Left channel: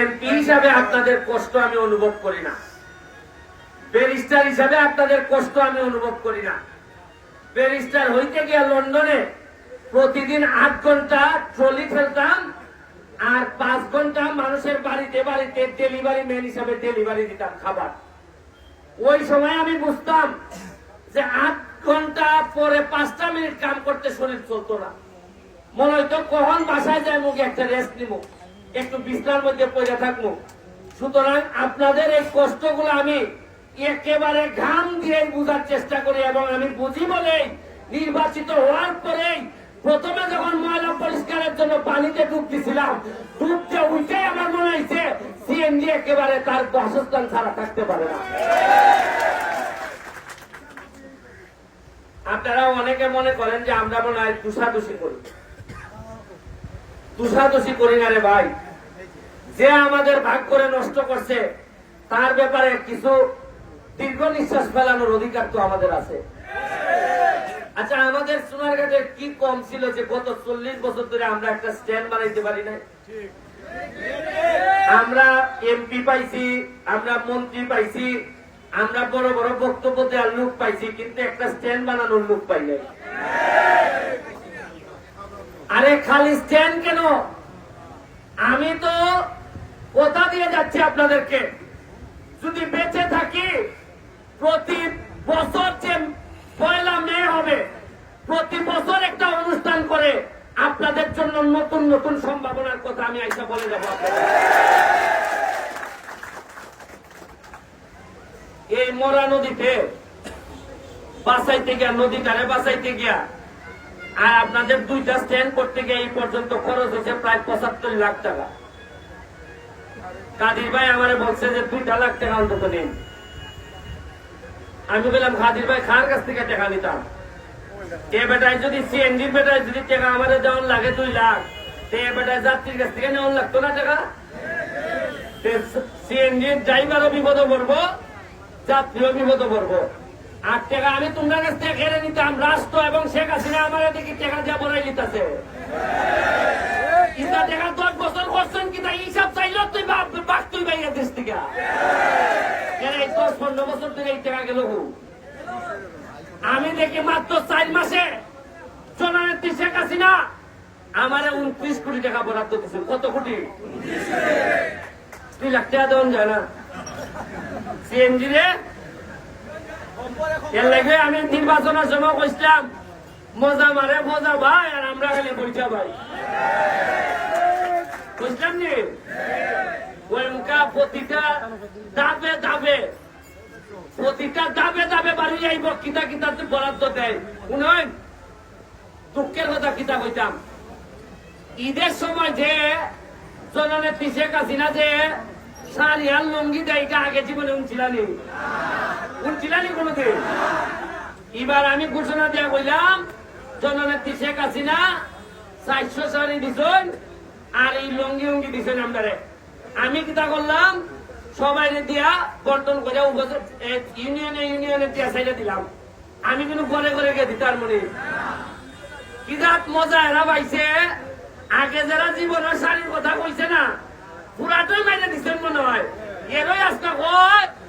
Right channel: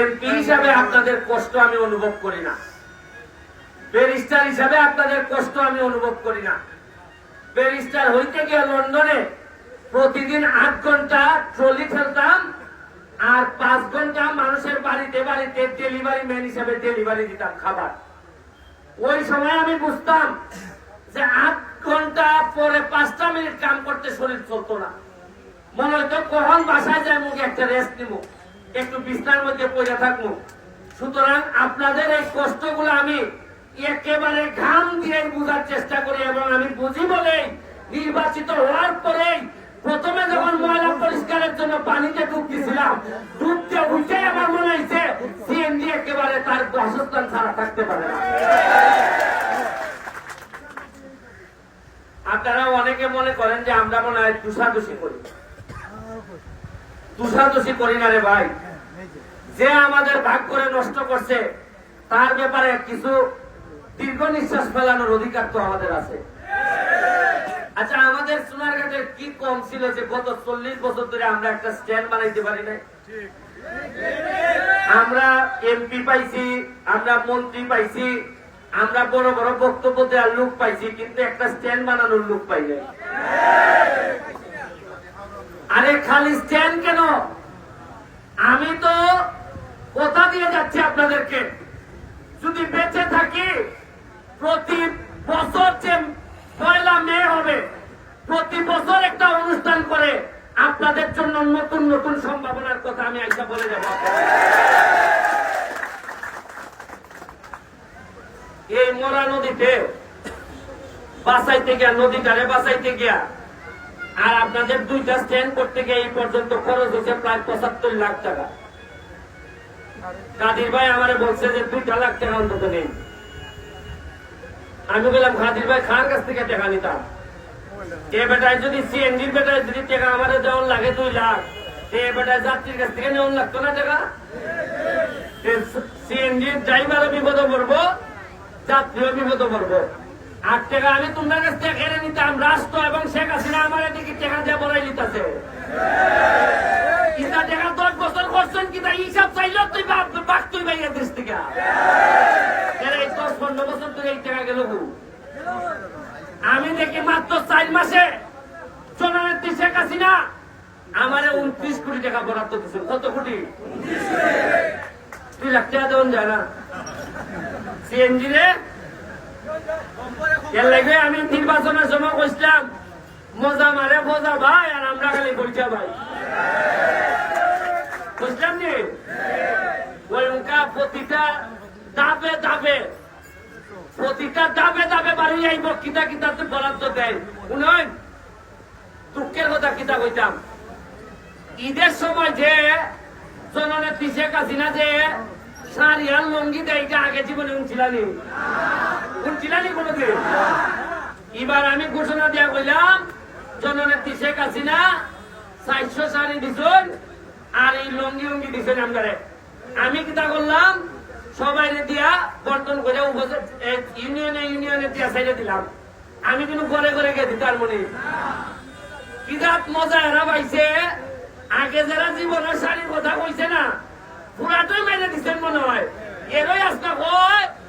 MP হিসাবে আপনাদের কষ্ট আমি অনুভব করি না ব্যারিস্টার হিসাবে আপনাদের কষ্ট আমি অনুভব করি না ব্যারিস্টার হইতে গিয়ে লন্ডনে প্রতিদিন আধ ঘন্টা ট্রলি ফেলতাম আর পাঁচ ঘন্টা মানুষের বাড়িতে বাড়িতে ডেলিভারি ম্যান হিসাবে ডেলিভারি দিতাম খাবার ওই সময় আমি বুঝতাম যে আধ ঘন্টা পরে পাঁচটা মিনিট কাম করতে শরীর চলতো না মনে হয়তো কখন বাসায় যায় মুখে একটা রেস্ট নিব একটু বিছনার মধ্যে পড়ে থাকবো সুতরাং আপনাদের এই কষ্টগুলো আমি একেবারে ঘাম দিয়ে বোঝার চেষ্টা করি এবং আমি বুঝি বলে নির্বাচিত হওয়ার পরেই প্রথমে যখন ময়লা পরিষ্কারের জন্য পানিতে ডুব দিছিলাম ডুবতে উঠে আমার মনে হয়েছে সিএনজি একেবারে তার বাসস্থান ছাড়া থাকতে পারে আপনারা অনেকে মনে করেন যে আমরা মনে হয় দূষাদূষি করি তুষাতুষি করি না রে ভাই যে আমাদের ভাগ করে নষ্ট করছে তার ব্যাপারে কিছু দীর্ঘ নিঃশ্বাস ফেলানোর অধিকার তো আমাদের আছে আচ্ছা আমাদের কাছে কি কম ছিল যে গত চল্লিশ বছর ধরে আমরা একটা স্ট্যান্ড বানাইতে পারি না আমরা এমপি পাইছি আমরা মন্ত্রী পাইছি আমরা বড় বড় বক্তব্য দেওয়ার লোক পাইছি কিন্তু একটা স্ট্যান্ড বানানোর লোক পাই আরে খালি স্ট্যান্ড কেন আমি তো কথা দিয়ে যাচ্ছি আপনাদেরকে যদি বেঁচে থাকি প্রতি বছর যে পয়লা মে হবে প্রতি বছর একটা অনুষ্ঠান করে আপনাদের জন্য নতুন নতুন সম্ভাবনার কথা আমি আইসা বলে যাব এই মরা নদীতে বাসাইতে গিয়া নদী নদীটারে বাসাইতে গিয়া আর আপনাদের দুইটা স্ট্যান্ড করতে গিয়ে এই পর্যন্ত খরচ হয়েছে প্রায় পঁচাত্তর লাখ টাকা কাদির ভাই আমার বলছে যে দুইটা লাখ টাকা অন্তত নেন আমি বললাম কাদির ভাই খার কাছ থেকে টাকা নিতাম এ বেটায় যদি সিএনজি বেটায় যদি টাকা আমাদের যেমন লাগে দুই লাখ যাত্রীর কাছ থেকে নেওয়ার লাগতো না টাকা সিএনজির ড্রাইভারও বিপদে পড়বো যাত্রীও বিপদ পড়বো আট টাকা আমি তোমার কাছ থেকে কেড়ে নিতাম রাষ্ট্র এবং শেখ হাসিনা আমার এদিকে টাকা দিয়ে বলাই নিতেছে ইটা টাকা দশ বছর করছেন কিনা হিসাব চাইল তুই বাপ বাক তুই বাইরে দেশ থেকে এই দশ পনেরো বছর তুই এই টাকা গেল আমি দেখি মাত্র চার মাসে জননেত্রী শেখ হাসিনা আমারে উনত্রিশ কোটি টাকা বরাদ্দ দিচ্ছেন কত কোটি তুই লাখ টাকা দেওয়া যায় না সিএনজি রে আমি নির্বাচনের জন্য কইসলাম মজা মারে মজা ভাই আর আমরা খালি বলতে ভাই বুঝলাম নি ওই মুখা প্রতিটা দাবে দাবে প্রতিটা দাবে দাবে বাড়ি কিতা কিতা বরাদ্দ দেয় উন্নয়ন দুঃখের কথা কিতা কইতাম ঈদের সময় যে জননে পিছিয়ে হাসিনা যে সারিয়াল লঙ্গি দেয় আগে জীবনে উনছিলাম ঘুরছিলানি এবার আমি ঘোষণা দিয়া বললাম জননেত্রী শেখ হাসিনা চারশো সারি দিছেন আর এই লঙ্গি উঙ্গি দিছেন আপনারে আমি কিতা করলাম সবাই দিয়া বর্তন করে ইউনিয়নে ইউনিয়নে দিয়া সাইডে দিলাম আমি কিন্তু ঘরে ঘরে গেছি তার মনে কিরাত মজা এরা পাইছে আগে যারা জীবনের শাড়ির কথা কইছে না পুরাটাই মাইনে দিচ্ছেন মনে হয় এরই আজকে কয়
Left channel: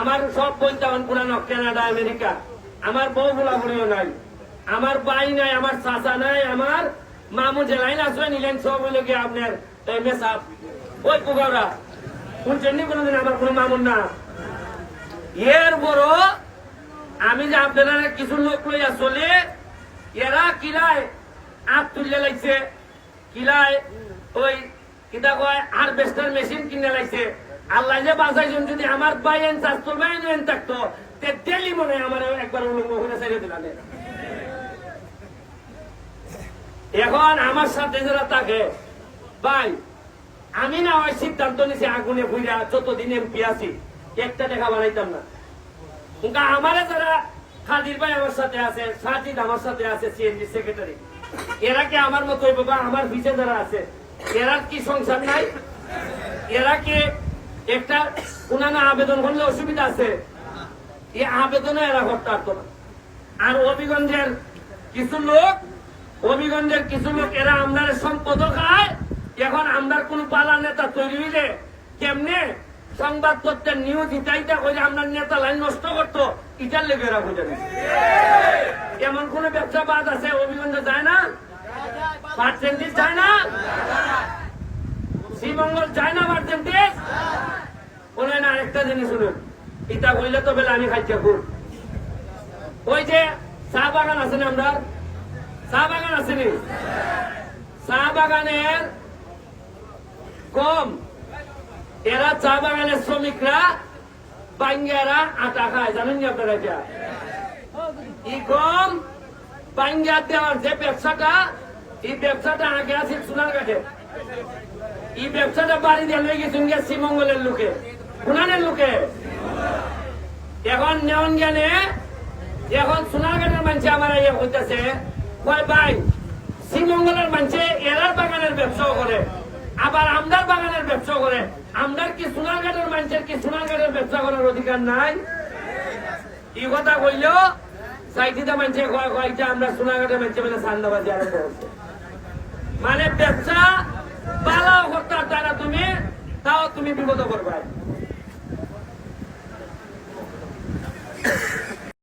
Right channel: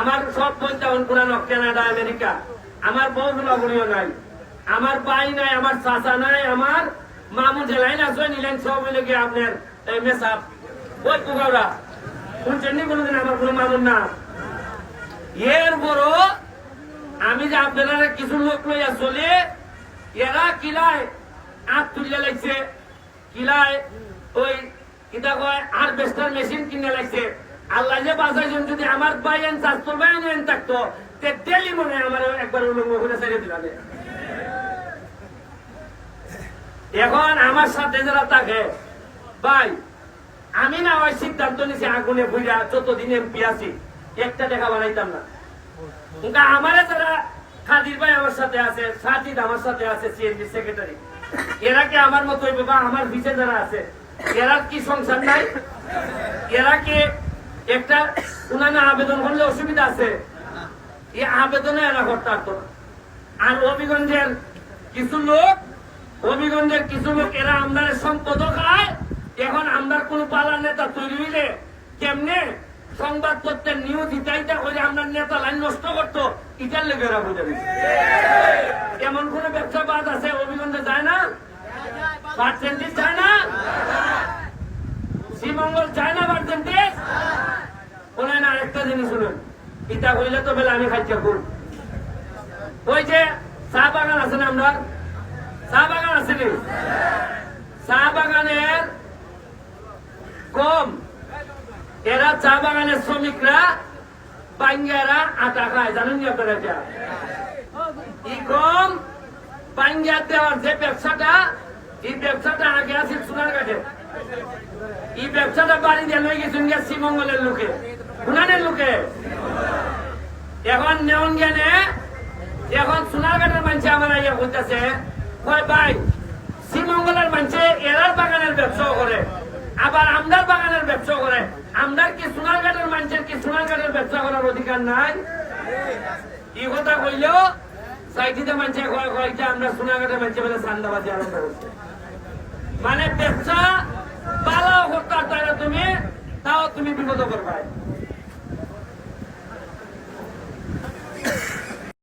আমার সব বইতে অনপুরানো কানাডা আমেরিকা আমার বউ বলাবলিও নাই আমার বাই নাই আমার চাচা নাই আমার মামু জেলাই আসবে নিলেন সব হইলে গিয়ে আপনার মেসাব ওই পোকাওরা শুনছেন নি কোনোদিন আমার কোনো মামুন না এর বড় আমি যে আপনারা কিছু লোক লইয়া চলে এরা কিলায় আপ তুলিয়া লাগছে কিলায় ওই কিতা কয় আর বেস্টার মেশিন কিনে লাগছে আল্লাহ যে বাঁচাইছেন যদি আমার বাইন এন বাইন এন থাকতো তে মনে হয় আমার একবার মুখে ছেড়ে দিলাম এখন আমার সাথে যারা থাকে ভাই আমি না ওই সিদ্ধান্ত নিছি আগুনে ভুইরা যতদিন এমপি আছি একটা দেখা বানাইতাম না কিন্তু আমারে যারা খাদির ভাই আমার সাথে আছে সাজিদ আমার সাথে আছে সিএনজি সেক্রেটারি এরা কি আমার মতো বাবা আমার বিচে যারা আছে এরা কি সংসার নাই এরা কি একটা উনানে আবেদন করলে অসুবিধা আছে এই আবেদনে এরা করতে পারতো আর অভিগঞ্জের কিছু লোক অভিগঞ্জের কিছু লোক এরা আমদার সম্পদ খায় এখন আমদার কোন পালা নেতা তৈরি হইলে কেমনে সংবাদ তত্ত্বের নিউজ ইটাইটা করে আমরা নেতা লাইন নষ্ট করতো ইটার লেগে এরা বুঝে এমন কোন ব্যবসা বাদ আছে অভিগঞ্জে যায় না পার্সেন্টেজ যায় না শ্রীমঙ্গল চায় না বাড়তেন দেশ বলেন না আরেকটা জিনিস হলো ইটা কইলে তো বেলা আমি খাইতে করব ওই যে চা বাগান আছে না আমরা চা বাগান আছে নি চা বাগানের কম এরা চা বাগানের শ্রমিকরা বাঙ্গারা আটা খায় জানেন আপনারা এটা ই কম বাঙ্গার দেওয়ার যে ব্যবসাটা এই ব্যবসাটা আগে আছে সোনার কাছে এই ব্যবসাটা বাড়ি দিয়ে লই গেছেন শ্রীমঙ্গলের লোকে হুনানের লোকে এখন জ্ঞানে এখন মানুষে আমার ইয়ে করতেছে ভাই শ্রীমঙ্গলের মানুষে বাগানের ব্যবসাও করে আবার আমদার বাগানের ব্যবসা করে আমদার কি সোনারঘাটের মানুষের কি সোনারঘাটের ব্যবসা করার অধিকার নাই এই কথা কইল সাইটিতে মানুষে কয়েকটা আমরা সোনারঘাটের মানুষে মানে সান্দাবাজি আরম্ভ করছে মানে ব্যবসা পালা হতার দ্বারা তুমি তাও তুমি বিপদ করবা